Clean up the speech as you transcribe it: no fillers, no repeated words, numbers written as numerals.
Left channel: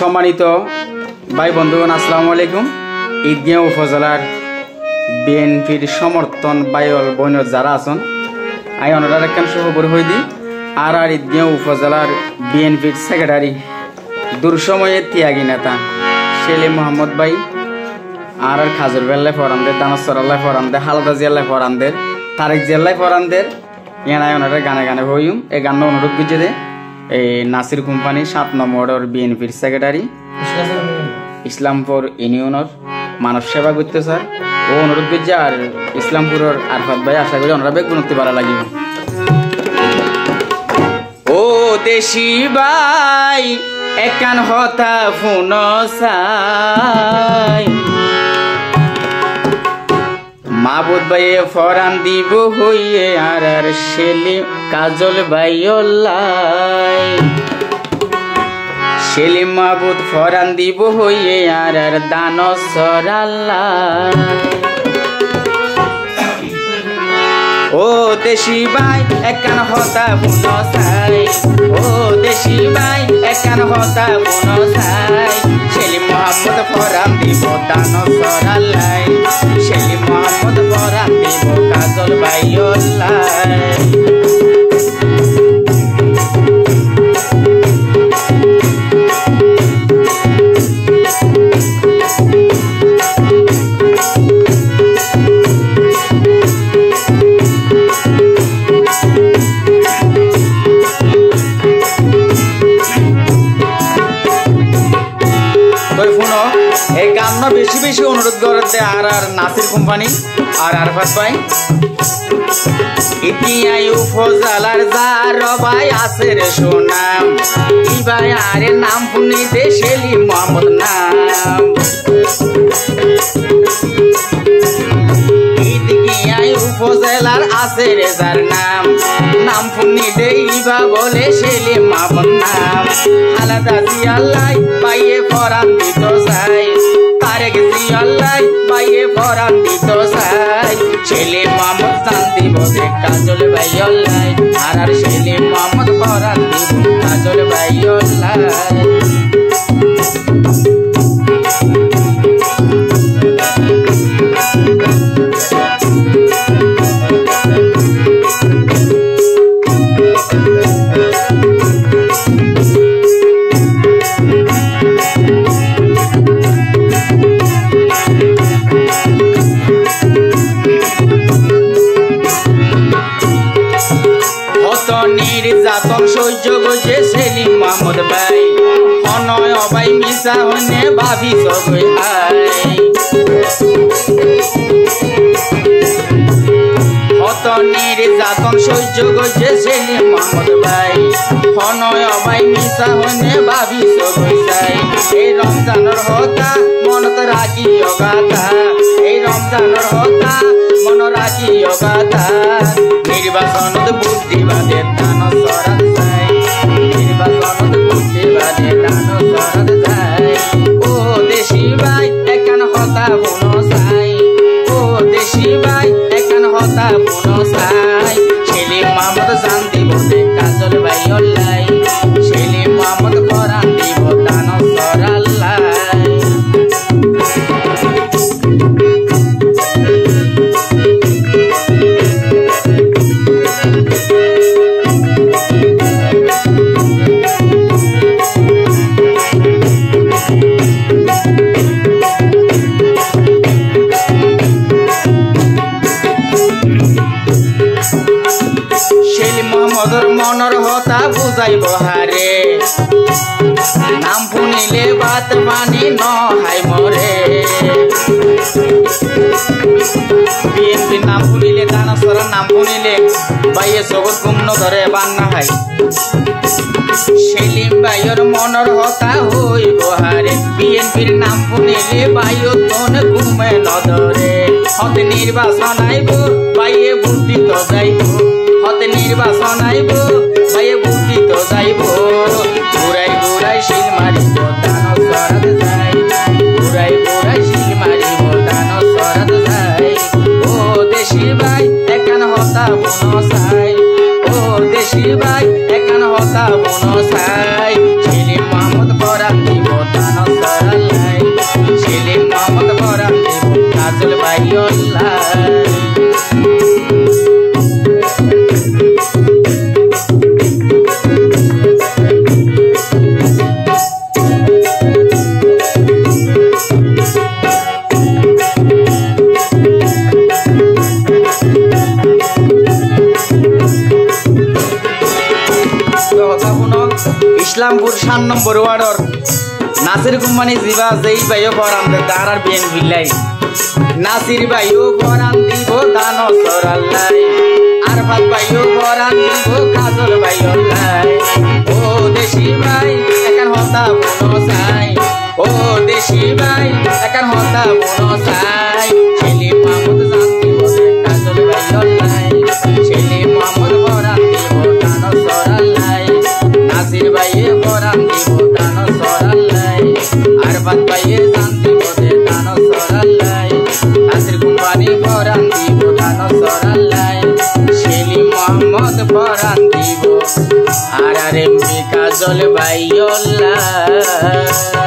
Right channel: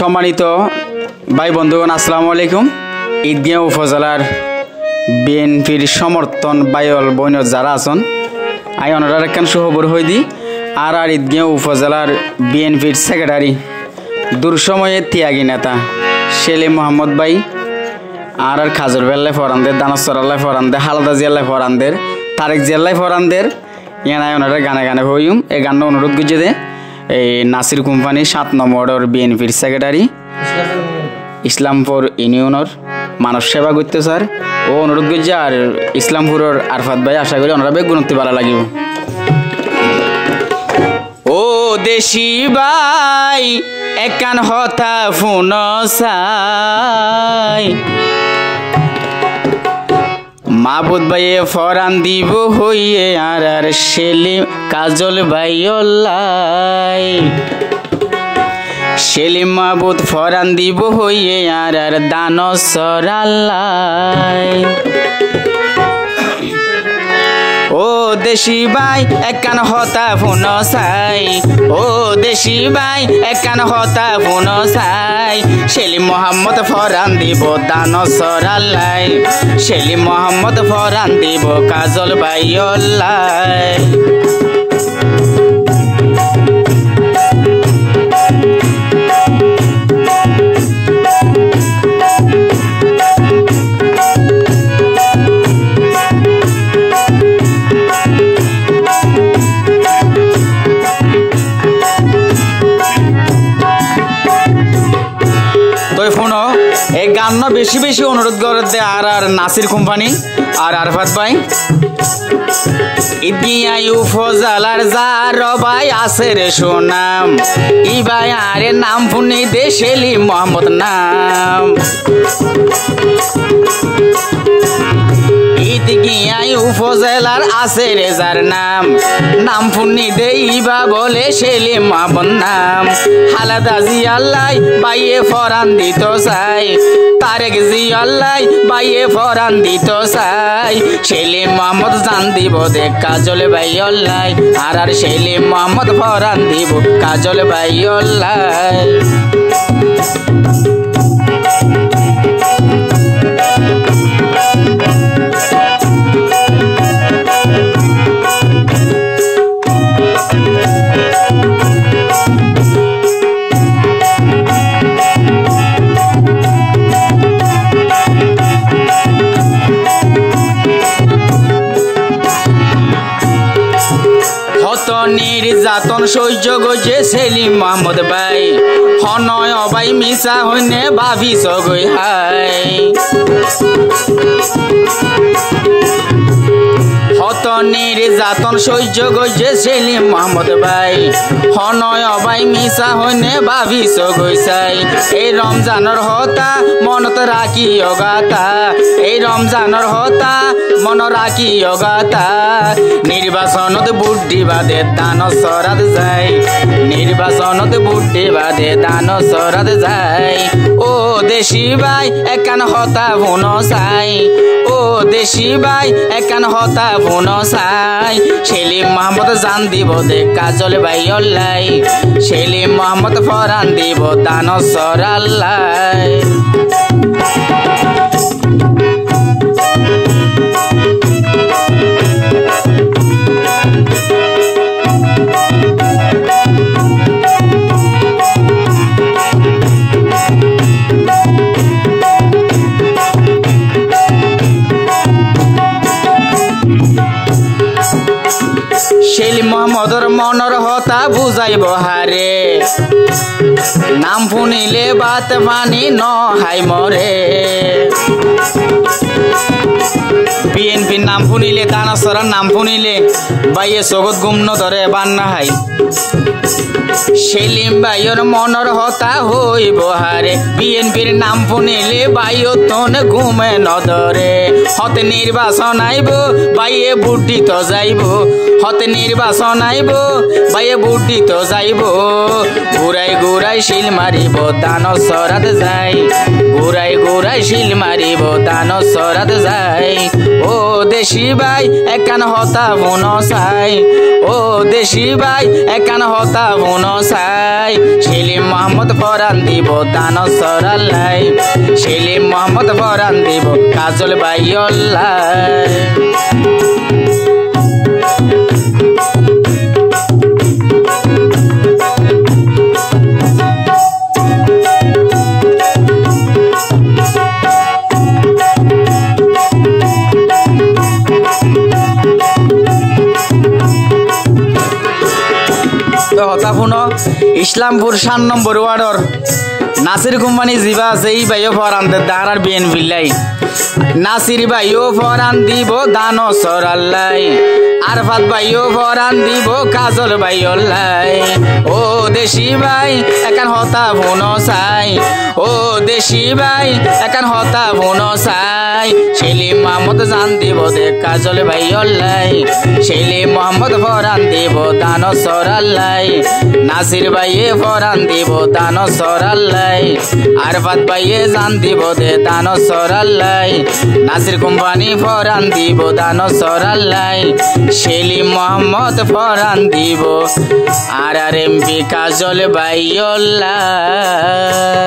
সম্মানিত ভাই বন্ধুগণ, আসসালামু আলাইকুম। ঈদগাঁও উপজেলার বিএনপির সমর্থন বাইল বইন যারা আছেন আই ওনারা একখান সহবর হয়ে দিই আর ঈদগাঁও উপজেলার বিএনপির সেক্রেটারি দুঃসময়ের ত্যাগী নেতা সেলিম মোহাম্মদ ভাই আর খাজুর বেল্লায় ফরানদের, দানসরাল্লায় ফরানদের, হালদা জিয়াল্লায় ফরানদের, তারেক জিয়াল্লায় ফরানদের ইয়ানায় ওনারা গানে গানে হইম। এই গান অনুরোধ করছে দে এই নাসির কোম্পানি 7 নম্বরের বিএনপির সেক্রেটারি ইসলামপুর ইউনিয়নের মানব সেবা করতে স্যার ও অনুরোধ করছে। আর ইসলামপুরের আরফাত ভাই আশা করি ওনারা বেগ গুণতি ভালো লাগিব। ও দেশি ভাই একান হতা ফোন চাই মাহবুদ ভাইয়ে ফরান দিব হইয়ে আর সেলিম কাজল ভাই ওল্লাই সেলিম মাহবুদ ফরান দিব হইয়ে আর দানসর আল্লাই। ও দেশি ভাই একান হতা ফোন চাই, ও দেশি ভাই একান হতা ফোন চাই সেলিম মোহাম্মদ ফরান দিব দানসর আল্লাই, সেলিম মোহাম্মদ ফরান দিব কাজল ভাই ওল্লাই। বেশি বেশি অনুরোধ করে দে আর নাসির কোম্পানি আর আরফাত ভাই ইদিয়াই উপজেলার যার ভাই আছে রে সুনাম ই ভাই আরে নাম শুনি দে সেলিম মোহাম্মদ নাম। ইদিয়াই উপজেলার আছে রে যার নাম নাম শুনি দে ইবা বলে সেলিম মোহাম্মদ নাম। হালাদা জিয়াল্লাই বাইয়ে ফরান দিত চাই, তারেক জিয়াল্লাই বাইয়ে ফরান দিত চাই সেলিম মোহাম্মদ জান দিব দে কাজল ভাই ওল্লাই আর সেলিম মোহাম্মদ ফরান দিব কাজল ভাই ওল্লাই। নির্যাতন সহ্য গজে সেলিম মোহাম্মদ ভাই হনয় ভাই মিশা হনে ভাবি সগই হাই হত নির্যাতন সহ্য গজে সেলিম মোহাম্মদ ভাই হনয় ভাই মিশা হনে ভাবি সগই চাই। এই রমজানের হতা মনত রাখি অগাতা, এই রমজানের হতা মন রাখি অগাতা নির্বাচনত বুদ্ধি বাদে দান সরাদ যায়, নির্বাচনত বুদ্ধি বাদে দান সরাদ যায়। ও দেশি ভাই একান হতা ফোন চাই, ও দেশি ভাই একান হতা ফোন চাই সেলিম মোহাম্মদ জান দিব দে কাজল ভাই ওল্লাই, সেলিম মোহাম্মদ ফরান দিব দান সর আল্লাই। সেলিম মোহাম্মদর মনের হতা বুঝাইব হারে নাম শুনিলে বাত পানি নহাই মরে। বিএনপির নাম শুনিলে দানাসরার নাম শুনিলে বাইয়ে জগৎ গুম ধরে বান্না হাই সেলিম ভাইয়ের মনের হতা হইব হারে বিএনপির নাম শুনিলে বাইও তন ঘুমে নধরে। হতে নির্বাচন আইব বাইয়ে বুদ্ধি তো যাইব, হতে নির্বাচন আইব বাইয়ে বুদ্ধি তো যাইব ঘুরাই ঘুরাই শিল মারিব দান সরাদ যাই, ঘুরাই ঘুরাই শিল মারিব দান সরাদ যাই। ও দেশি ভাই একান হতা ফোন চাই, ও দেশি ভাই একান হতা ফোন চাই সেলিম মোহাম্মদ ফরান দিব। 1 নম্বর ওয়ার্ডর নাসির কোম্পানি জিবা আছে এই ভাইও ফরান দাঁড়ার বিএন বিলাই নাসির ভাইও ফরান দিব দান সরাল্লাই আরফাত ভাইও ফরান দিব কাজল ভাইও লাই ও দেশি ভাই একান হতা বনো চাই ও দেশি ভাই একান হতা বনো চাই সেলিম মাহমুদ জান দিব দে কাজল ভাইও লাই সেলিম মোহাম্মদ ফরান দিব দান সরাল্লাই নাসির ভাইয়ে ফরান দিব দান সরাল্লাই আরফাত ভাইয়ে জান দিব দে দান সরাল্লাই নাসির কোম্পানি ফরান দিব দান সরাল্লাই সেলিম মোহাম্মদ ফরান দিব আর এমপি কাজল ভাইও লাই।